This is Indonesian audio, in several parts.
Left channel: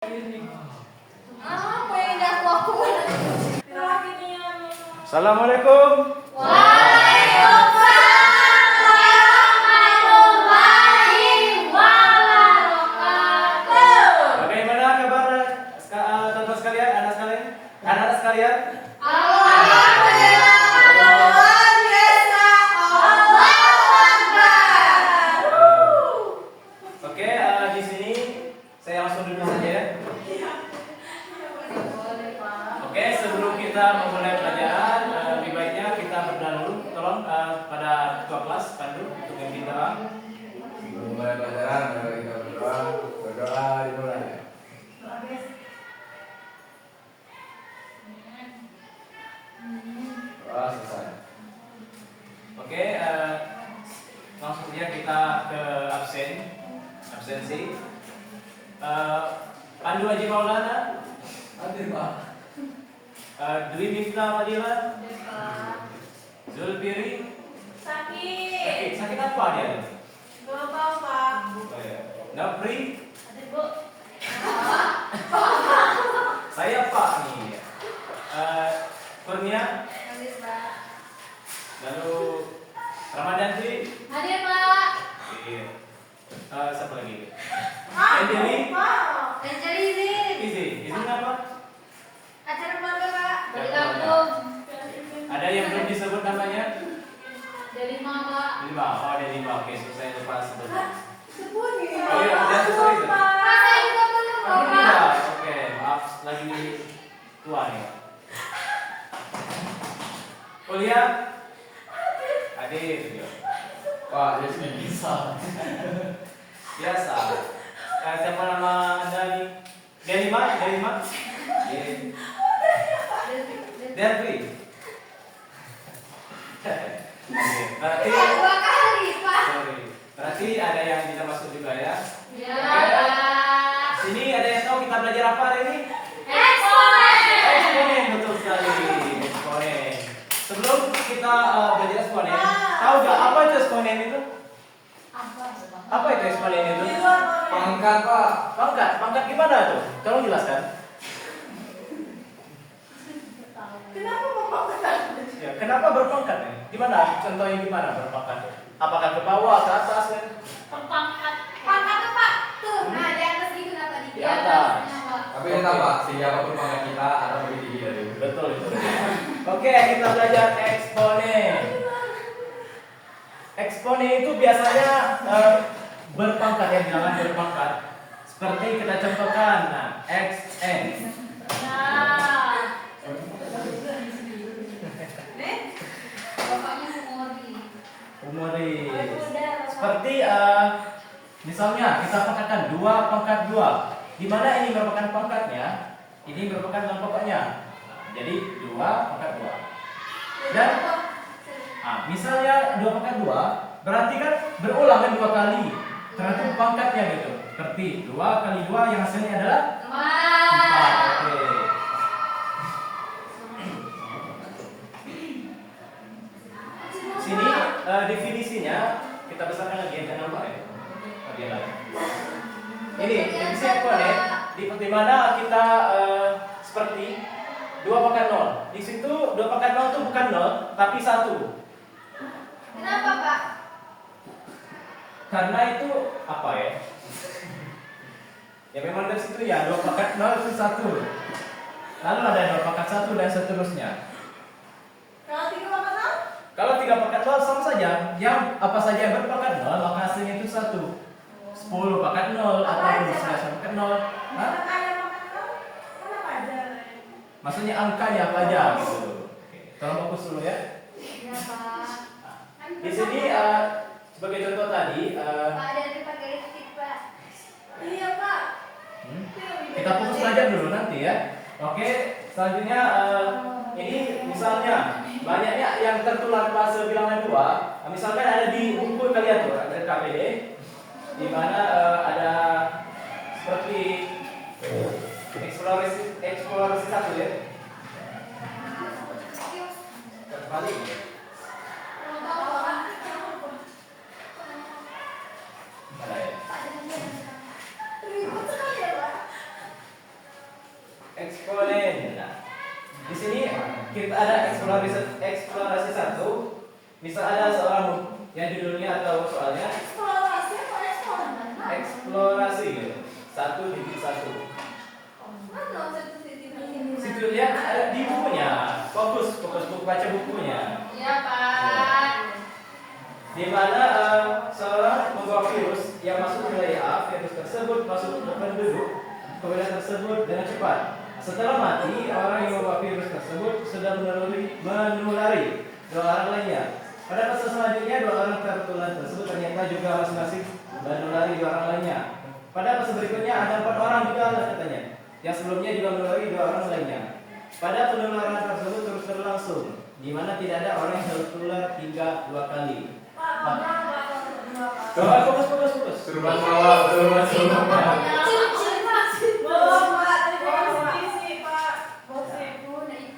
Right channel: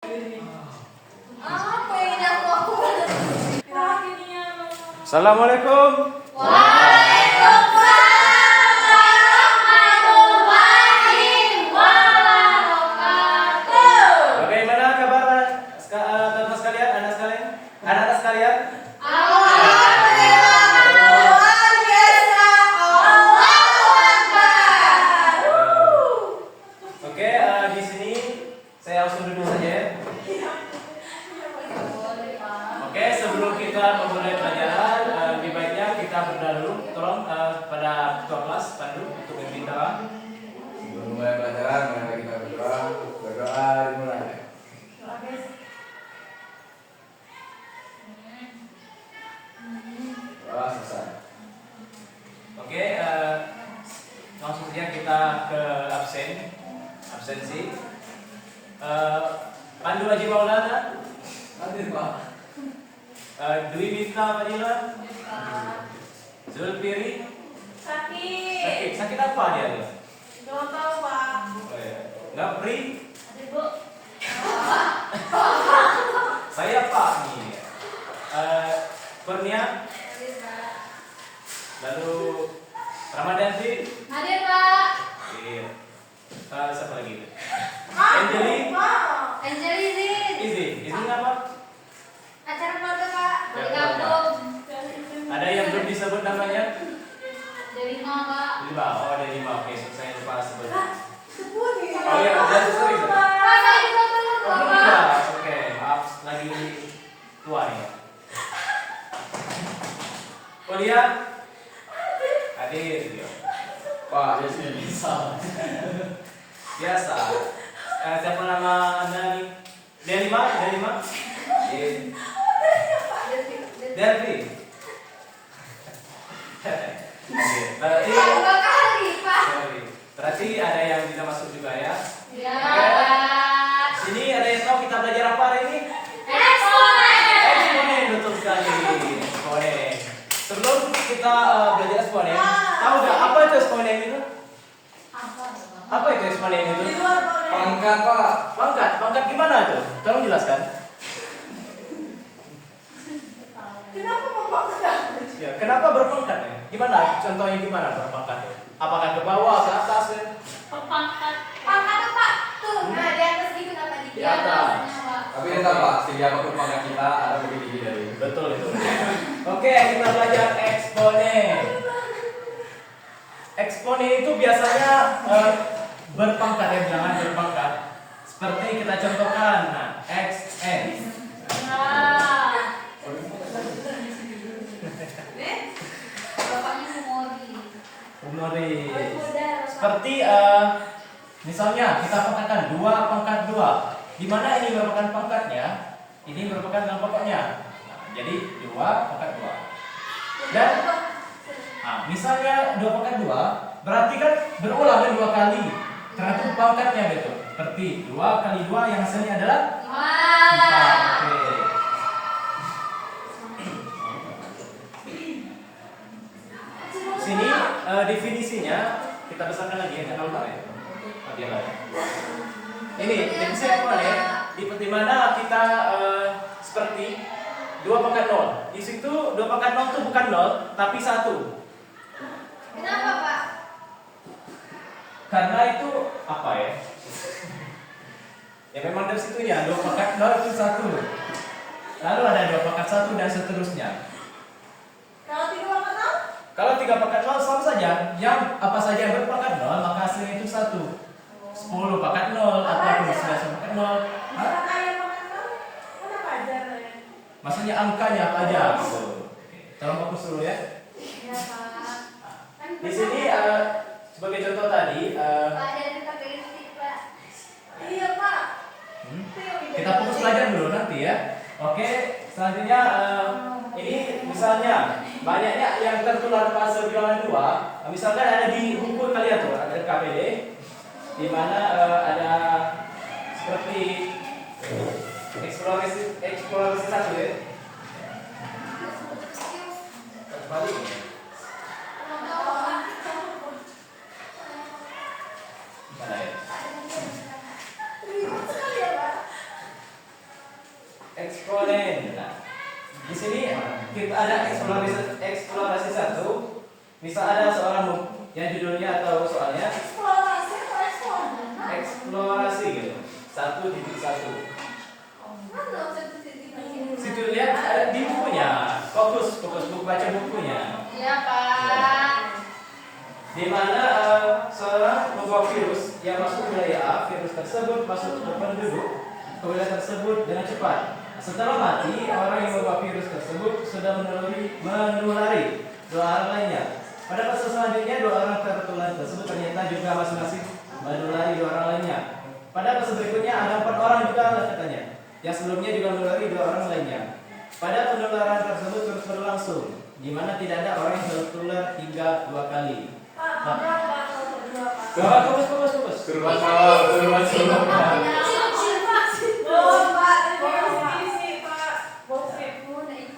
Assalamualaikum. Bagaimana kabar teman-teman sekalian, anak-anak sekalian? Oke, di sini saya langsung duduk saja ya. Oke, sebelum kita memulai pelajaran, lebih baiknya kita berdahulu. Tolong pada ketua kelas Pandu untuk memimpin doa. Sebelum mulai pelajaran, mari kita berdoa. Berdoa dimulai. Doa selesai. Oke, langsung saja kita ke absensi. Pandu Haji Maulana, Hadir Pak. Dwi Mifta Fadila, Zulpiri. Sakit apa dia? Napri. Saya Pak nih. Kurnia. Lalu Ramadan sih. Iya. Siapa lagi? Izin apa? Ada yang belum disebut namanya? Delima. Oh, Delima. Oke, saya lupa sebut. Oh iya, udah sorry. Oh, belum tidak. Oke, maaf lagi tua ya. Kuliah? Hadir juga. Pak, biasanya bisa. Biasa. Siapa nama Anda nih? Delima? Delvi. Berarti ada yang bisa masuk juga ya? Sini ada yang tahu kita belajar apa hari ini? Eksponen, betul sekali. Eksponen. Sebelum kita belajar eksponen, tahu nggak apa itu eksponen itu? Apa itu eksponen itu? Pangkat Pak. Pangkat gimana tuh? Tolong jelaskan. Ya, kenapa berpangkat ya? Gimana? Contohnya gimana berpangkat ya? Apakah ke bawah, ke atas ya? Di atas. Tapi entah Pak, siapapun pangkat kita ada lebih tinggi dari. Betul itu. Oke, kita belajar eksponen. Eksponen itu biasanya berpangkat ya, jangan berpangkat. Seperti kita contohkan, nah, XN. Humoris. Seperti misalnya kita pangkatkan 2 pangkat 2. Di mana ini merupakan pangkatnya, ini merupakan dalam pokoknya. Nah, jadi 2 pangkat 2. Dan misalnya 2 pangkat 2, berarti kan berulang kan 2 kali. Karena itu pangkatnya betul. Seperti 2 kali 2 yang hasilnya adalah 4. Oke. Sini definisinya kita besarkan lagi ya, jangan lupa ya. Ini definisi eksponen di mana kita seperti 2 pangkat 0. Di situ 2 pangkat 0 itu bukan 0 tapi 1. Kenapa, Pak? Karena itu apa ya? Ya memang dari situ ya 2 pangkat 0 itu 1. Lalu ada 2 pangkat 1 dan seterusnya. Kalau 3 pangkat 0 sama saja. Yang apa saja yang berpangkat 0 maka hasilnya itu 1. 10 pangkat 0 atau 11 pangkat 0. Maksudnya angkanya apa aja gitu. Tolong fokus dulu ya. Ya, Pak. Di sini sebagai contoh tadi Pak, dari pakai lipstik, Pak. Iya, Pak. kita fokus belajar dulu nanti ya. Oke, selanjutnya ini misalnya banyaknya yang tertular fase bilangan 2. Misalkan ada di buku kalian tuh, ada KPD di mana ada seperti eksplorasi 1 ya. Kembali. Mana ya? eksponen. Nah, di sini kita ada eksplorasi satu. Misal ada seorang yang judulnya atau soalnya eksplorasi gitu. 1.1. Situ lihat di bukunya. Fokus buku, baca bukunya. Iya, Pak. Di mana seorang membawa virus yang masuk ke wilayah A, virus tersebut masuk ke penduduk ke wilayah tersebut dengan cepat. Setelah mati, orang yang membawa virus tersebut sudah menulari dua orang lainnya. Pada fase selanjutnya, dua orang tertular tersebut ternyata juga masing-masing menulari dua orang lainnya. Pada fase berikutnya ada 4 orang juga katanya, yang sebelumnya juga menulari dua orang lainnya. Pada penularan tersebut terus berlangsung, di mana tidak ada orang yang tertular hingga 2 kali. Fokus. Turban malam, turban malam.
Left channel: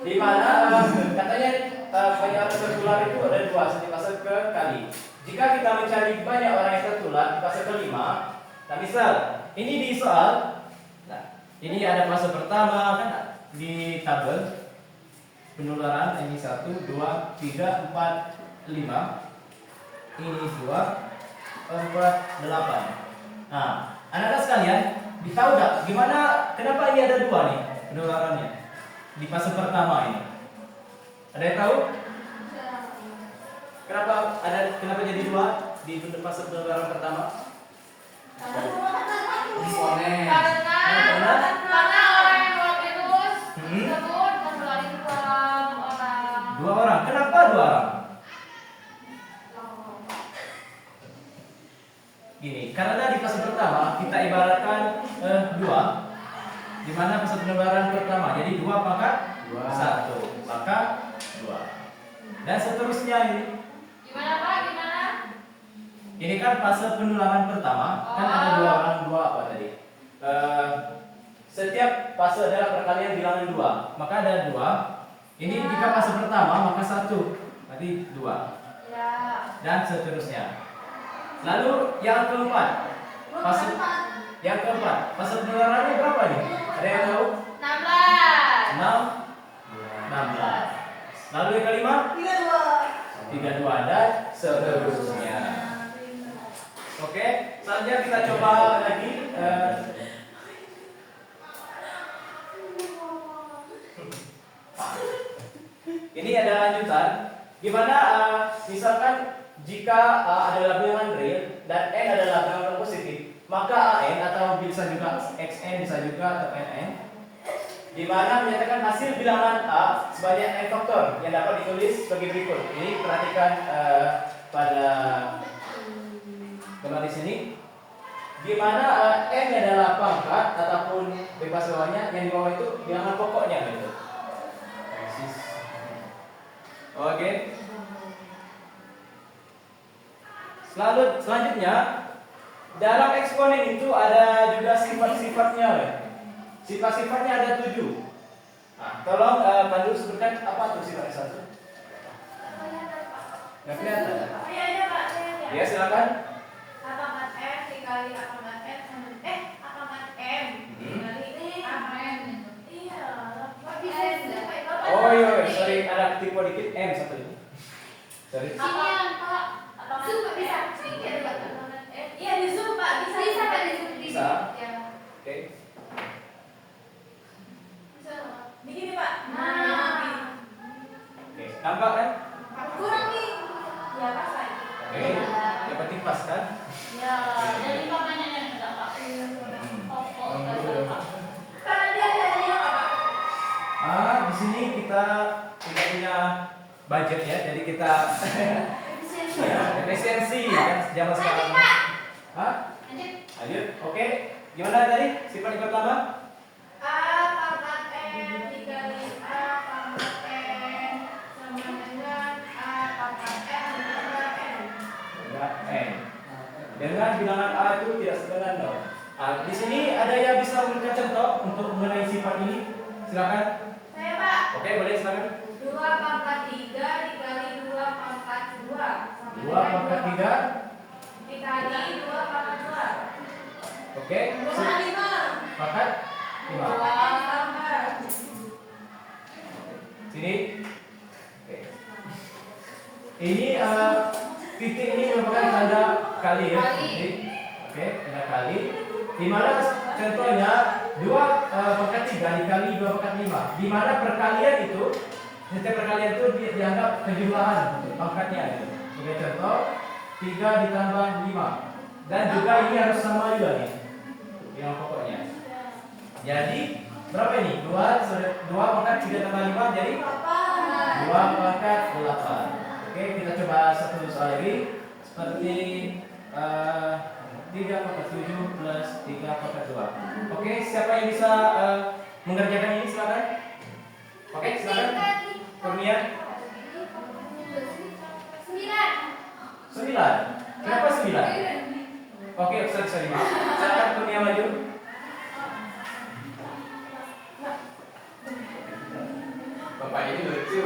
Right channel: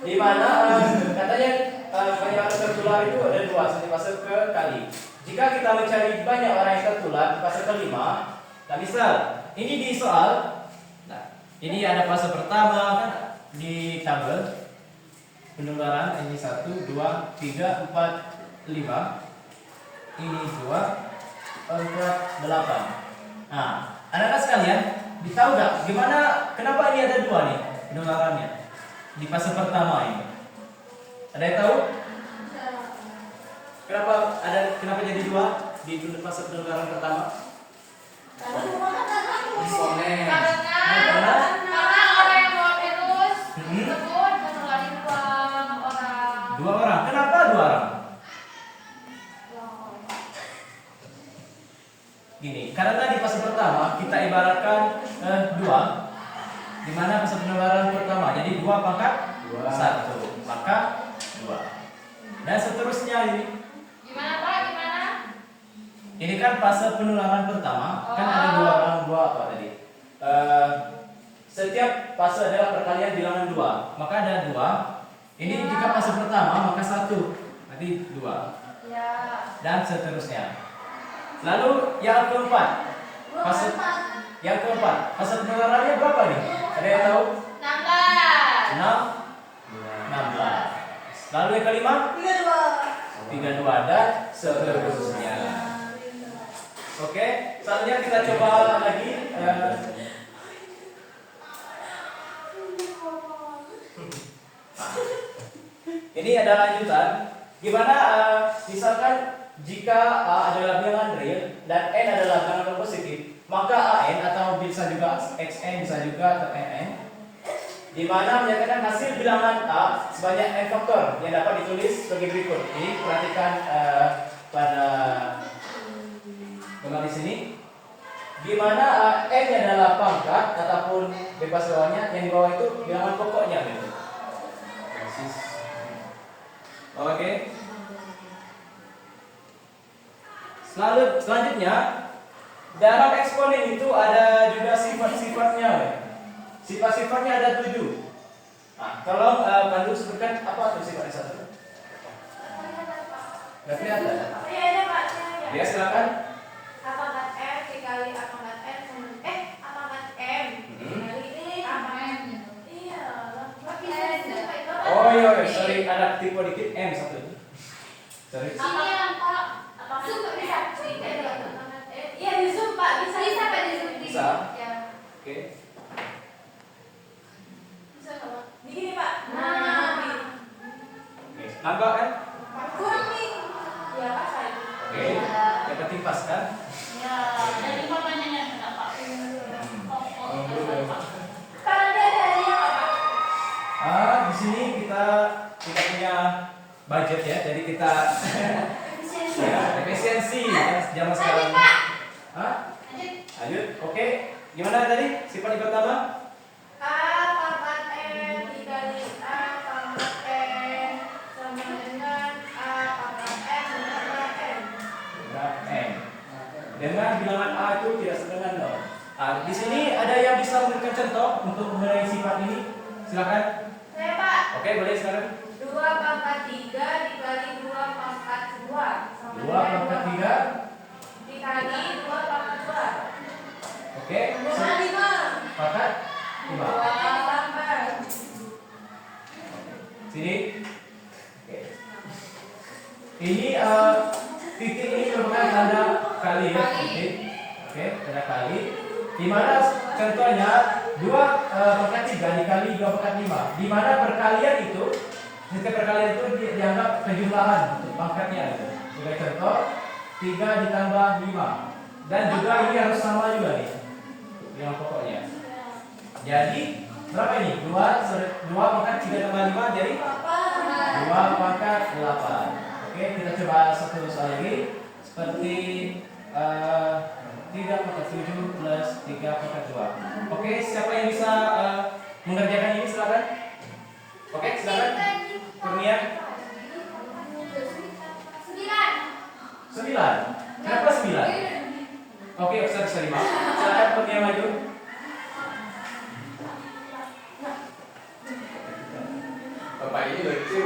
Di mana katanya banyak tertular itu ada 2 di fase ke kali. Jika kita mencari banyak orang yang tertular di fase kelima, nah misal ini di soal, nah ini ada fase pertama kan di tabel penularan ini 1, 2, 3, 4, 5. Ini 2, 4, 8. Nah, anak-anak sekalian, tahu nggak gimana? Kenapa ini ada 2 nih penularannya di fase pertama ini? Ada yang tahu? Kenapa jadi 2 di fase penularan pertama? Eksponen. Karena orang yang bawa virus tersebut menulari 2 orang. 2 orang. Kenapa 2 orang? Gini, karena di fase pertama kita ibaratkan 2, di mana fase penularan pertama. Jadi 2 pangkat 1, maka 2. Dan seterusnya ini. Gimana, Pak? Gimana? Ini kan fase penularan pertama, kan ada 2 orang, 2 apa tadi? Setiap fase adalah perkalian bilangan 2, maka ada 2. Ini jika fase pertama maka 1, berarti 2. Ya. Dan seterusnya. Lalu yang keempat, fase penularannya berapa nih? Ada yang tahu? 16. 16. Lalu yang kelima? 32 dan seterusnya. Oke, selanjutnya kita coba lagi. Ini ada lanjutan. Gimana misalkan jika adalah bilangan real dan n adalah bilangan positif, maka an atau bisa juga xn bisa juga atau nn, di mana menyatakan hasil bilangan a sebanyak n faktor yang dapat ditulis sebagai berikut. Ini perhatikan pada gambar di sini, di mana n adalah pangkat ataupun bebas bawahnya, yang di bawah itu bilangan pokoknya gitu. Oke. Selanjutnya dalam eksponen itu ada juga sifat-sifatnya. Sifat-sifatnya ada 7. Nah, tolong Pandu sebutkan apa tuh sifatnya 1? Nggak kelihatan? Iya, ada, Pak. Ya, silakan. Apakah F dikali apakah F apakah M dikali apakah M? Iya. Oh iya, sorry ada tipe dikit M satu. Sorry. Sini yang Pak. Zoom bisa. Iya di Zoom Pak. Bisa Pak di Zoom. Bisa. Ya. Oke. Bisa nggak? Begini Pak. Oke. Nambah kan? Kurang nih. Ya Pak saya. Oke. Yang penting pas kan? Ya. Jadi papanya yang enggak Pak. Pak dia ada apa? Di sini kita punya budget ya, jadi kita ya, efisiensi kan zaman sekarang. Hah? Lanjut. Oke. Gimana tadi sifat yang pertama? A pangkat M dikali A pangkat N sama dengan A pangkat M tambah N. N. Dengan bilangan A itu tidak sama dengan 0. Di sini ada yang bisa memberikan contoh untuk mengenai sifat ini? Silakan. Saya Pak. Oke, boleh silakan. 2 pangkat 3 dikali 2 pangkat 2 sama 2 pangkat 3 dikali 2 pangkat 2. Oke. Dengan 5. Pangkat 5. 2 tambah Sini. Oke. Ini titik ini merupakan tanda kali ya. Titik. Oke, tanda kali. Di mana contohnya 2/3 dikali 2/5. Di mana perkalian itu, setiap perkalian itu dianggap kejumlahan untuk pangkatnya gitu. Sebagai contoh 3 ditambah 5. Dan juga ini harus sama juga nih. Yang pokoknya. Jadi berapa ini? 2 pangkat 3 tambah 5 jadi 2 pangkat 8. Oke, kita coba satu soal lagi. Seperti 3 pangkat 7 plus 3 pangkat 2. Oke, siapa yang bisa mengerjakan ini silakan. Oke, silakan. Kurnia 9. Kenapa 9? Oke, sorry maaf. Silakan Kurnia maju. Bapak ini lucu.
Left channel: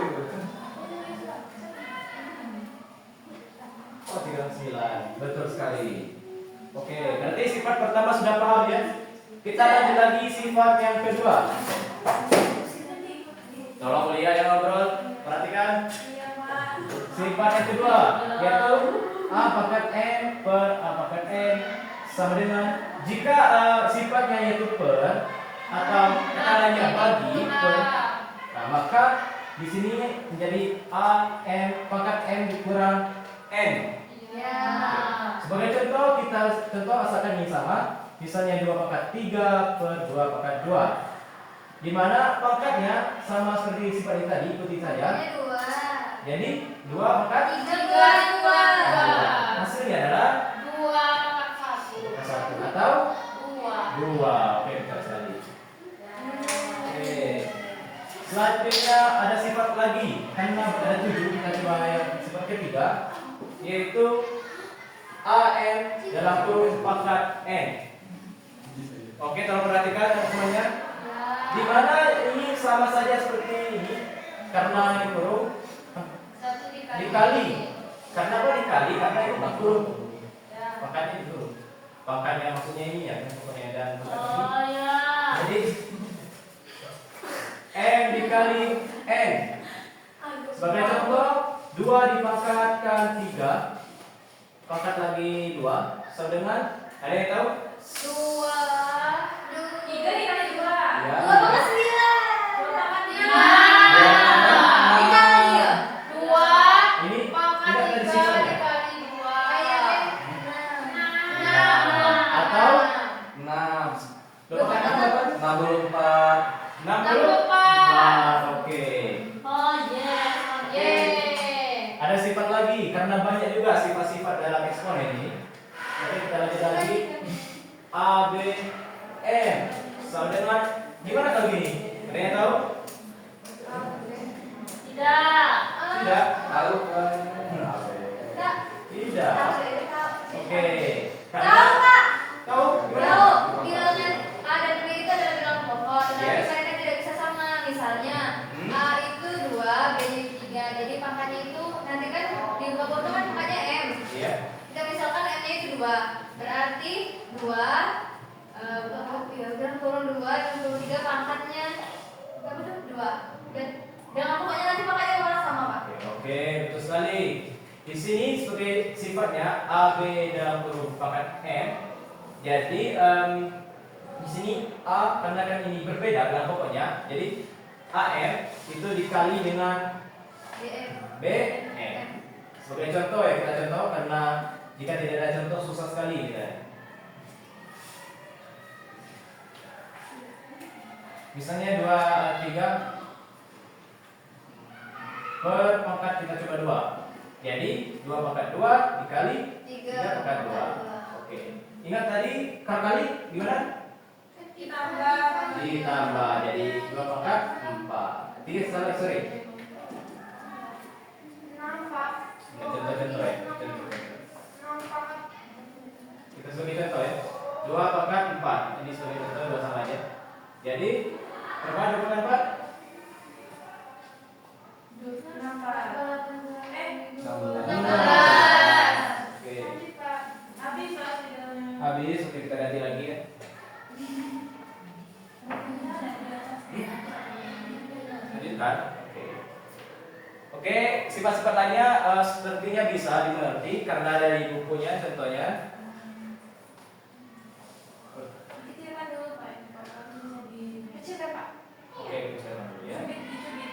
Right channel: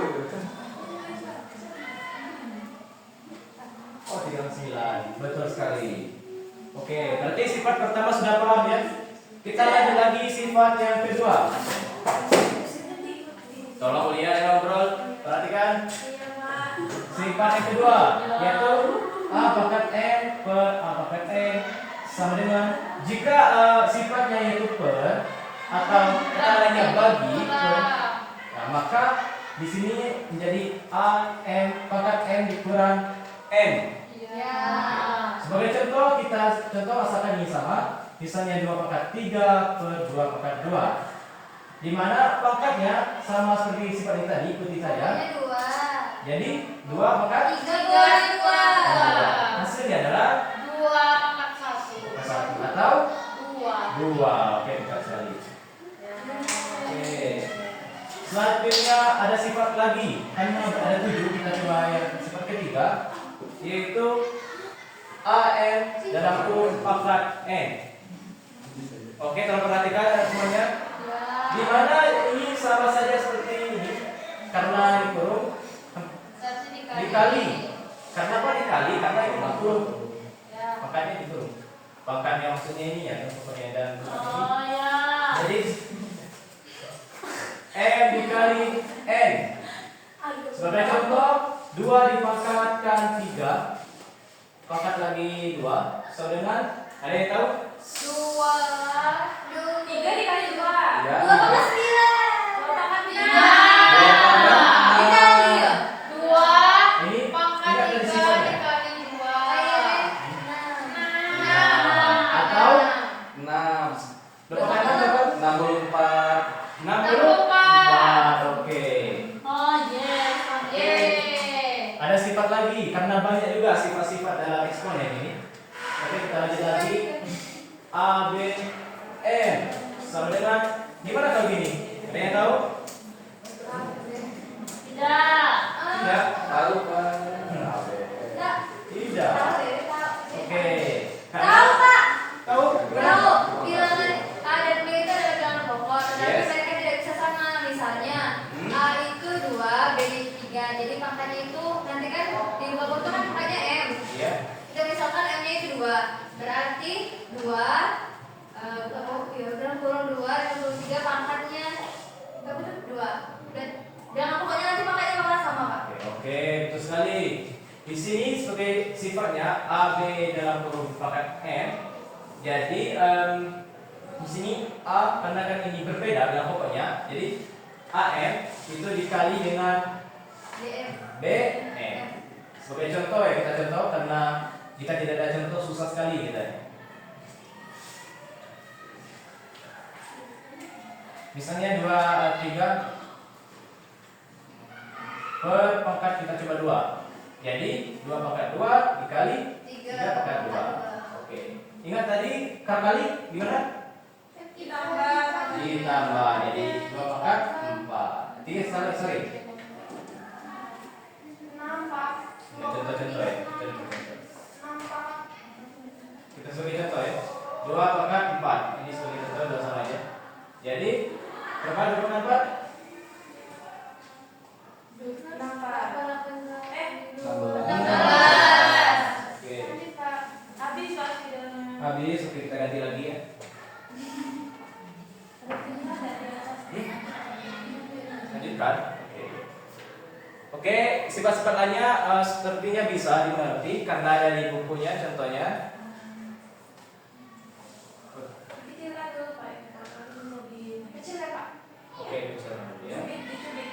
Oh, 39. Betul sekali. Oke, berarti sifat pertama sudah paham ya? Kita lanjut lagi sifat yang kedua. Tolong kuliah yang ngobrol, perhatikan. Sifat yang kedua yaitu A pangkat N per A pangkat N sama dengan jika sifatnya yaitu per atau kata lainnya bagi per, nah, maka di sini menjadi A N pangkat N dikurang N. Sebagai contoh kita asalkan ini sama, misalnya 2/3 per 2/2. Di mana pangkatnya sama seperti sifat ini tadi, ikuti saja. Jadi 2/3. Hasilnya adalah 1 atau 2. Oke, betul sekali. Oke. Selanjutnya ada sifat lagi. Hanya ada 7, kita coba yang sifat ketiga, yaitu AN dalam kurung pangkat N. Oke, tolong perhatikan semuanya. Di mana ini sama saja seperti ini karena dikurung dikali. Karena apa dikali? Karena itu makhluk. Makanya itu. Pangkatnya maksudnya ini ya, pokoknya dan jadi M dikali N. Sebagai contoh 2 dipangkatkan 3. Pangkat lagi 2 sama dengan, ada yang tahu? 3 dikali 2. Ya. 2 pangkat 5. Ini Pangkat ada di 3 sisanya. dikali 2. Atau 6. Berapa berapa? 64. 64. Oke. Yeay. Ada sifat lagi karena banyak juga sifat-sifat dalam eksponen ini. Oke, kita lanjut lagi. A, B, M sama dengan gimana kalau gini? Ada yang tahu? Tidak. Tahu kan? Tidak. Oke. Tahu, Kak. Tahu? Tahu, bilangan A dan B itu adalah bilangan pokok, tetapi Yes. mereka tidak bisa sama. Misalnya A itu 2, B itu 3. Jadi pangkatnya itu nanti kan di buka foto kan pangkatnya M. Iya. Kita misalkan M-nya itu 2. Berarti 2 dalam kurung 2 dan kurung 3 pangkatnya berapa itu? 2. Dan jangan pokoknya nanti pangkatnya bakal sama, Pak. Oke, betul sekali. Di sini sebagai sifatnya A, B dalam kurung pangkat M. Jadi di sini A karena kan ini berbeda dalam pokoknya. Jadi AM itu dikali dengan DM. BM. Sebagai contoh ya, kita contoh karena jika tidak ada contoh susah sekali kita. Misalnya 2/3 per pangkat kita coba 2. Jadi 2/2 dikali 3/2. Oke. Ingat tadi kali gimana? Ditambah. Jadi 2/4. 3 sorry. Contoh-contoh ya. Kita sebagai contoh ya. 2/4. Ini sebagai contoh udah sama aja. Jadi berapa 2/4? 16. Oke. Habis Habis, oke kita ganti lagi ya. Lanjutkan. Oke. Oke, sifat-sifat lainnya sepertinya bisa dimengerti karena ada di bukunya contohnya. Dikira dulu Pak, kalau lebih kecil ya Pak. Oke, itu saya dulu ya. Dicubit.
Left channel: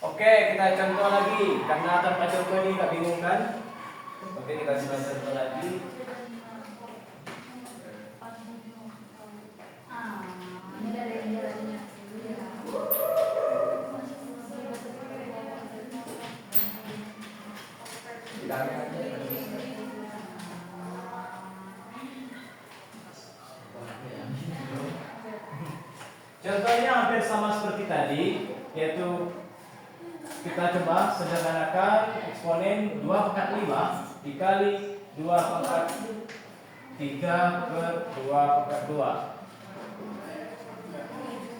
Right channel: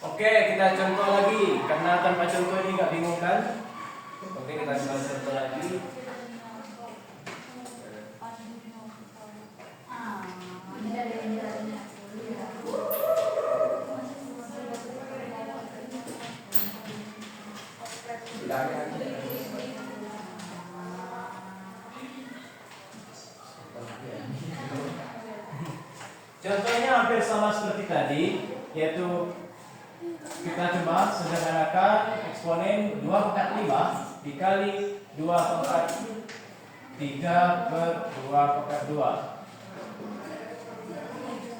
Oke, kita contoh lagi karena tanpa contoh ini nggak bingung kan? Oke, kita coba contoh lagi. Contohnya hampir sama seperti tadi, yaitu kita coba sederhanakan eksponen 2 pangkat 5 dikali 2 pangkat 3 per 2 pangkat 2.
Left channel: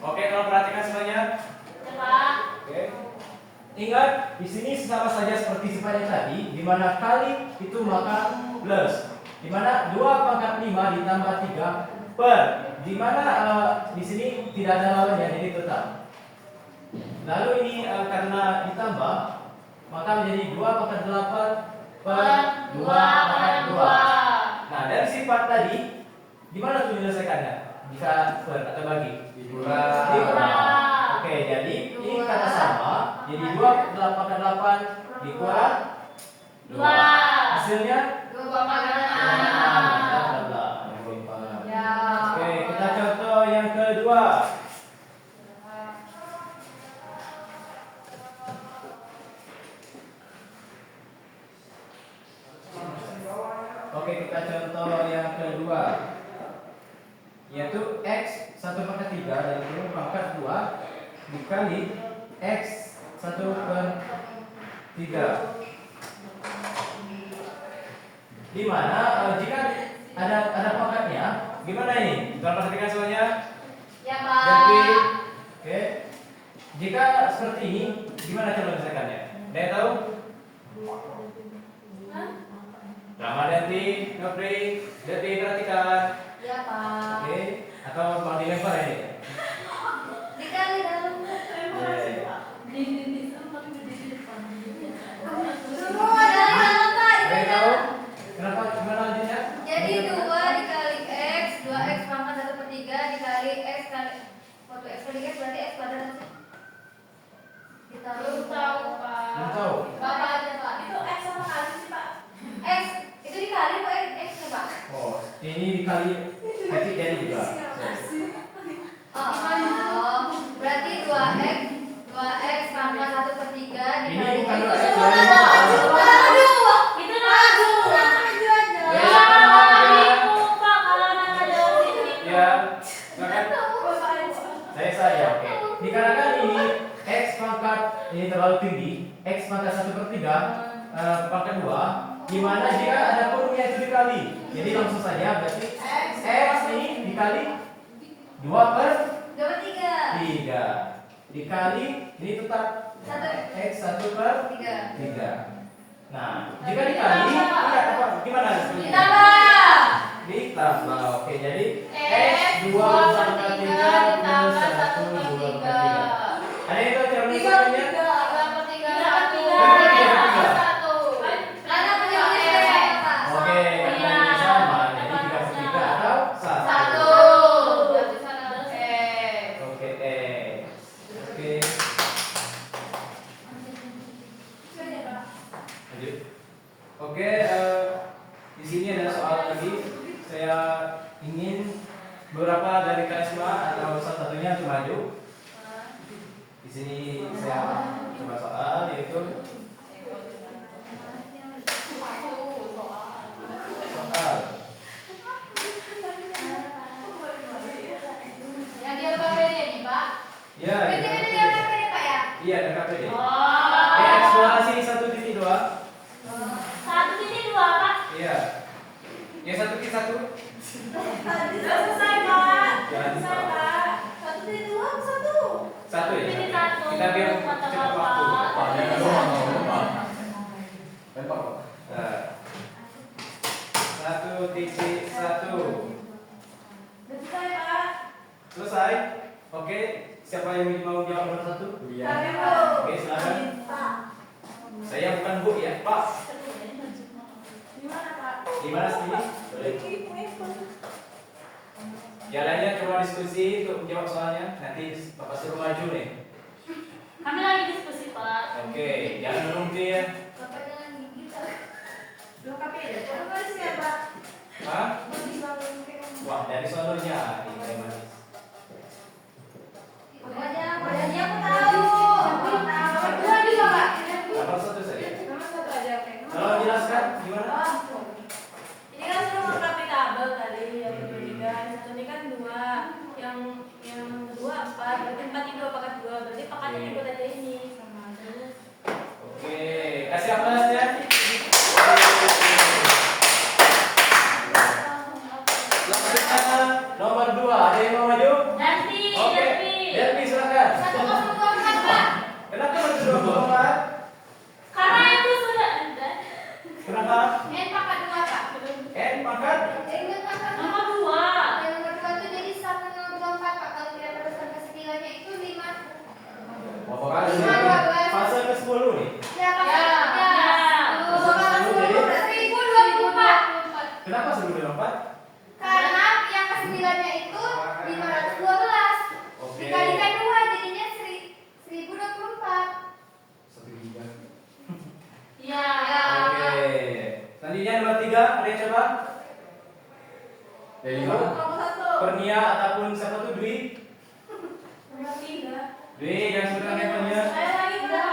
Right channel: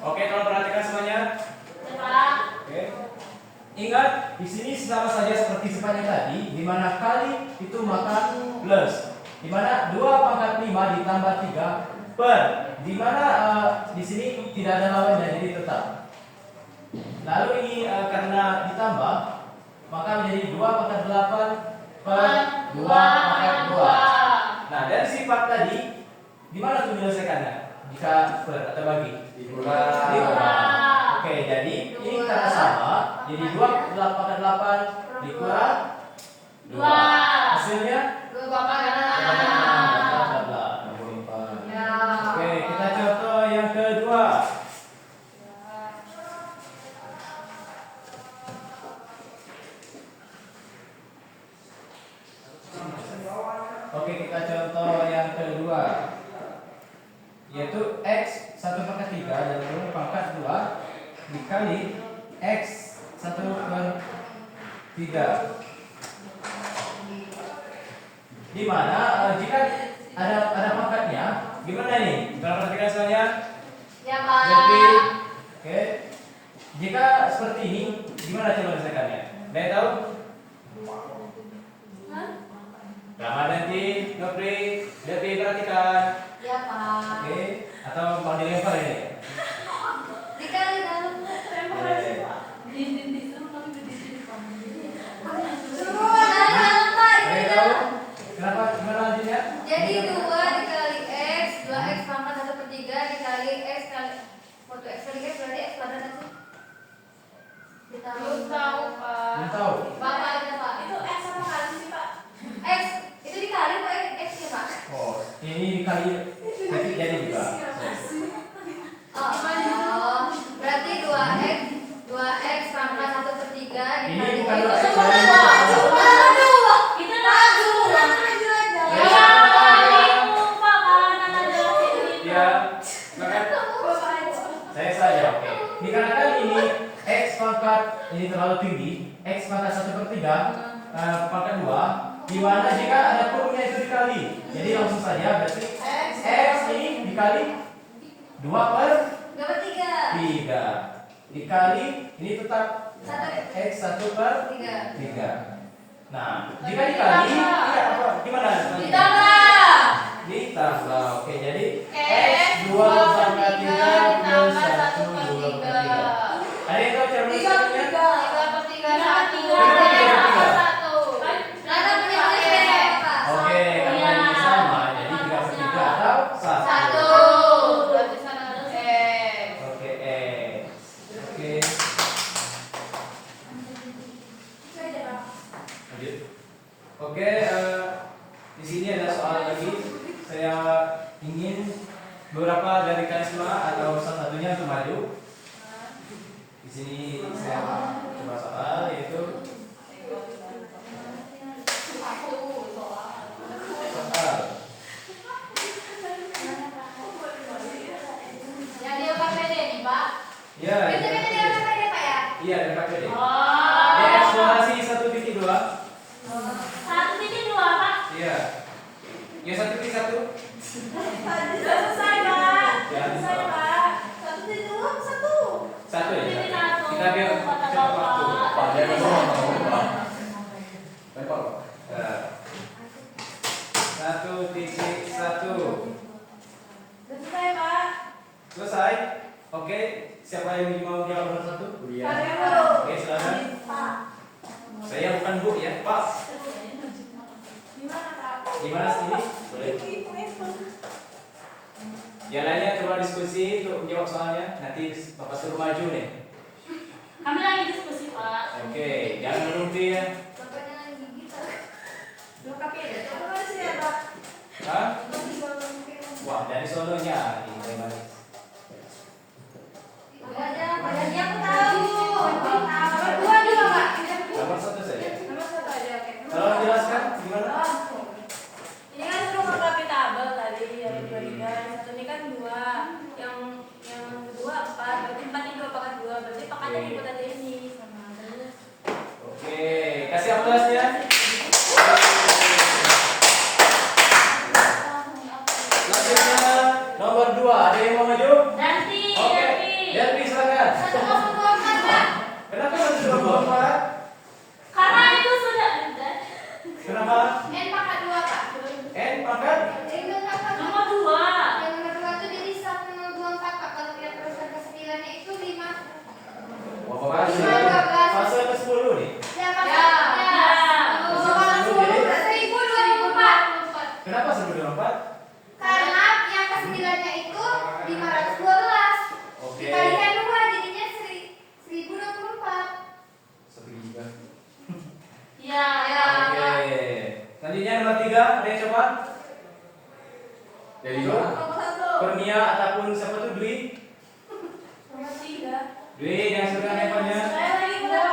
Oke, kalau perhatikan semuanya. Oke. Ingat, di sini sama saja seperti sifatnya tadi, di mana kali itu maka plus. Di mana 2 pangkat 5 ditambah 3 per, di mana di sini tidak ada lawannya, jadi tetap. Lalu ini karena ditambah, maka menjadi 2 pangkat 8 per 2 pangkat 2. Nah, dari sifat tadi, di mana tuh menyelesaikannya? Jika per atau bagi? Dikurang. Oke, jadi ini kata sama, jadi 2 pangkat 8 dikurang 2. Hasilnya 2 pangkat 6. Ya. Oke, kita contoh yang kedua. Oke, kita contoh yang kedua, yaitu x 1 pangkat 3 dan kurang pangkat 2 dikali x 1 per 3. Di mana jika ada pangkatnya, gimana ini? Kita perhatikan semuanya. Ya Pak. Jadi, oke. Jika seperti ini, gimana coba menyelesaikannya? Ada yang tahu? Lama nanti, Nopri, Devi perhatikan. Ya Pak. Oke, atau mau dilempar ini? Dikali dalam Ada yang tahu? Kenapa? Gimana lanjutnya? Jadi 2 dikali x, 2x pangkat 1 per 3 dikali x kali waktu x per 3 berarti x kuadrat nggak sih? Kita belum tahu Pak. Belum tahu. Bapak aja Pak. Itu x sama kali sih Pak? X itu dikali kok x ya Pak? Oh, ini dikali nanti jadi juga. Oh, berarti 2x pangkat 1 per 3 Ini dikali bukan itu 2x, sama ini Pak. bukan. Aduh, itu aduh. Ya, maka saya oke. Dikarenakan ini x pangkat ini terlalu tinggi, x pangkat 1 per 3 pangkat 2, di mana jika ada kurungnya itu dikali. Jadi langsung saja berarti x ini dikali 2 per 3 dikali ini tetap x 1 per 3. Nah, jika dikali gimana? Ditambah. Oke, jadi x 2 pangkat 3 plus 1 2 per 3. Ada yang tahu cara menyelesaikannya? Oke, karena ini sama, jadi 3 per 3 atau 1. Oke, Oke. Lanjut. Oke, di sini ada soal lagi. Saya ingin beberapa dari kalian semua atau salah satunya untuk maju. Di sini saya coba soal yaitu soal. Yang dia pakai ini Pak. Ya, Dia pakai ini Pak ya. iya, KPD. Ya, eksplorasi 1.2. 1.2 Pak. Iya. Ya 1.1. Selesai Pak. Selesai, Pak. 1.2 1. Satu ya. Ini satu. Kita biar Kata cepat waktu. Bapak. Pak, jangan doang, Pak. Lempar, Pak. Nah. 1.1. Selesai Pak. Selesai. Oke, siapa yang mau jawab nomor 1? Kuliah. Oke, silakan. Saya bukan Bu ya, Pak. Di mana sini? Yang lainnya coba diskusi untuk menjawab soalnya. Nanti Bapak suruh maju nih. Kami lagi diskusi, Pak. Oke, jangan berhenti ya. Bapak jangan gigit. Lengkapi ya. Terima kasih ya, Pak. Hah? Bisa mungkin. Wah, dari sononya. Ini gimana? Padahal dia aku tahu. Nomor 2 juga, Pak. Nomor 1 saja. Nomor 1 aja, oke. Kalau jelaskan gimana? Ini kan semua melengkapi tabel tadi yang kedua tiga, yang satu ini kan 2, yang kedua 4, berarti 4 ini merupakan 2, berarti pangkatnya Oke. ikut aja ini sama adanya. Oke, kasih aplaus ya. Selanjutnya nomor 2, ada yang mau maju? Nanti, Oke, nanti. Derby silakan. 1,24, Pak. Kenapa masih 24? Karena itu sudah ada. Kenapa? N pangkat 2, Pak. N pangkat? N pangkat 2. Nomor 2. Yang nomor 2 itu jadi 1,24, Pak. Kalau kita teruskan ke 9-nya itu 5. Wah, fase ke-10 nih. Ya, Pak. Ya. Kalau 10 berarti 1024. Kenapa 1024? Karena yang ke 9-nya itu 512. Oke. Dikalikan 2 jadinya 1024. 1 giga. Ya. Oke. Selanjutnya nomor 3, ada yang coba? Dari Itu mana? Nomor 1. Kurnia ataupun siapa tuh Dwi? Nomor 3. Dwi yang sudah handphonenya. Saya lagi udah.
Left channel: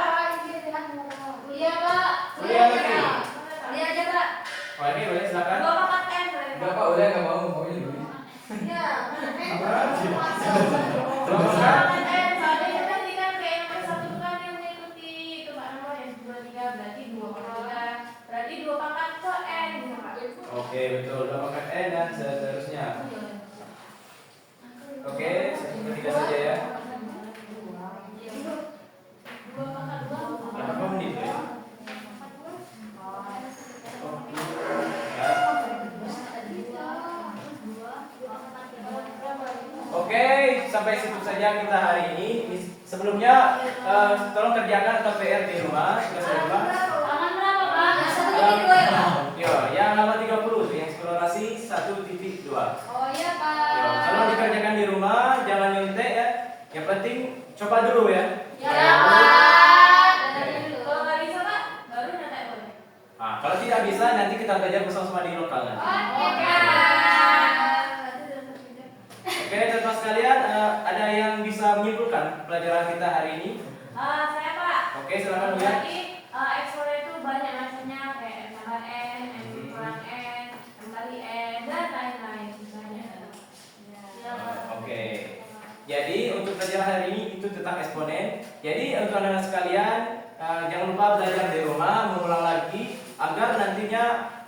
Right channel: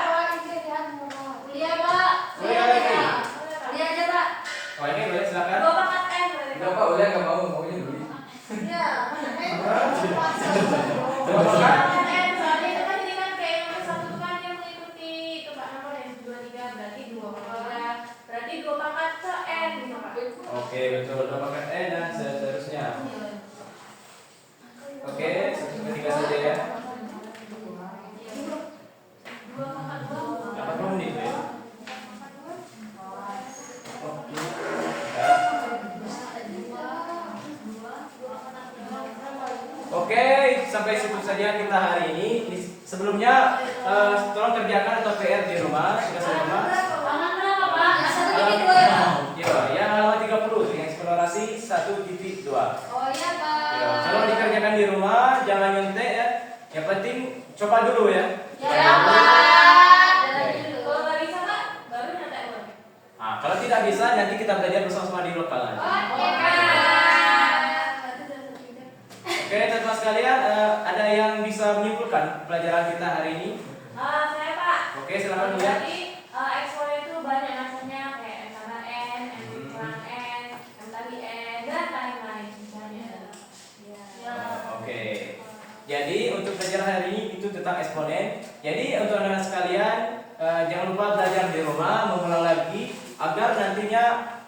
Iya, Pak. Oh, iya, lagi. Iya aja, Pak. Oh, ini boleh silakan. 2 pangkat N. Enggak Pak, udah nggak mau, maunya dulu. Iya. Coba silakan. Soalnya itu kan ini kan kayak nomor 1 kan yang mengikuti itu Pak nomor yang 2 3 berarti 2 pangkat 3. Berarti 2 pangkat ke N gitu Pak. Oke, betul. Udah pakai E dan seterusnya. Oke, seperti kita saja ya. 2 pangkat 2. Berapa menit ya? Oke, sampai situ saja kita hari ini. Sebelumnya, tolong kerjakan atau PR di rumah. Sudah di rumah. Halaman berapa Pak? Satu titik dua ya, Pak? Ya, yang halaman 30, yang eksplorasi 1.2. Oh iya, Pak. Ya, kalau dikerjakan di rumah, jangan nyontek ya. Yang penting coba dulu ya. Ya, Pak. Jalan dulu. Kalau nggak bisa Pak, baru nyetek boleh. Nah, kalau tidak bisa, nanti kita belajar bersama-sama di lokal nanti. Oke, Pak. Oke, teman-teman sekalian, ada yang bisa menyimpulkan pelajaran kita hari ini? Saya Pak. Oke, silakan dulu ya. Berarti explore itu banyak macamnya kayak N tambah N, N kurang N, N kali N dan lain-lain banyak. Ya. Oke. Jadi untuk pelajaran hari ini itu tentang eksponen. Jadi untuk anak-anak sekalian, jangan lupa belajar di rumah, mengulang lagi agar nantinya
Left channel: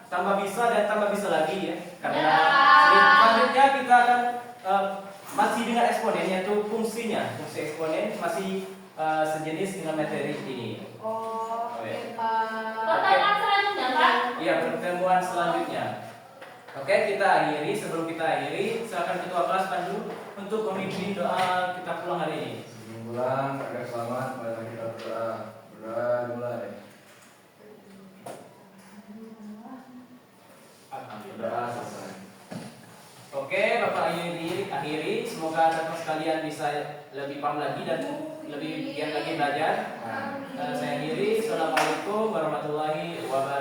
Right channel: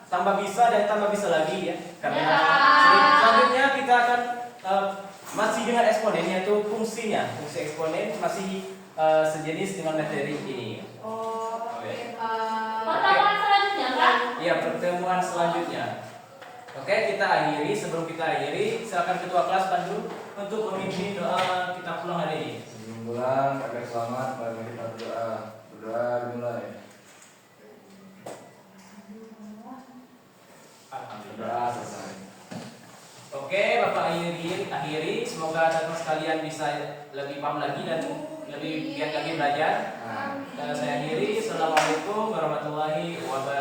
tambah bisa dan tambah bisa lagi ya. Karena selanjutnya kita akan masih dengan eksponen, yaitu fungsinya. Fungsi eksponen masih sejenis dengan materi ini. Oh, oke, Pak. Pertemuan selanjutnya Pak. Iya, pertemuan selanjutnya. Oke, kita akhiri. Sebelum kita akhiri, silakan ketua kelas Pandu untuk memimpin doa kita pulang hari ini. Sebelum pulang, agar selamat, mari kita berdoa. Berdoa dimulai. Berdoa selesai. Oke, Bapak akhiri. Semoga teman sekalian bisa lebih paham lagi dan lebih giat lagi belajar. Saya akhiri. Assalamualaikum warahmatullahi wabarakatuh.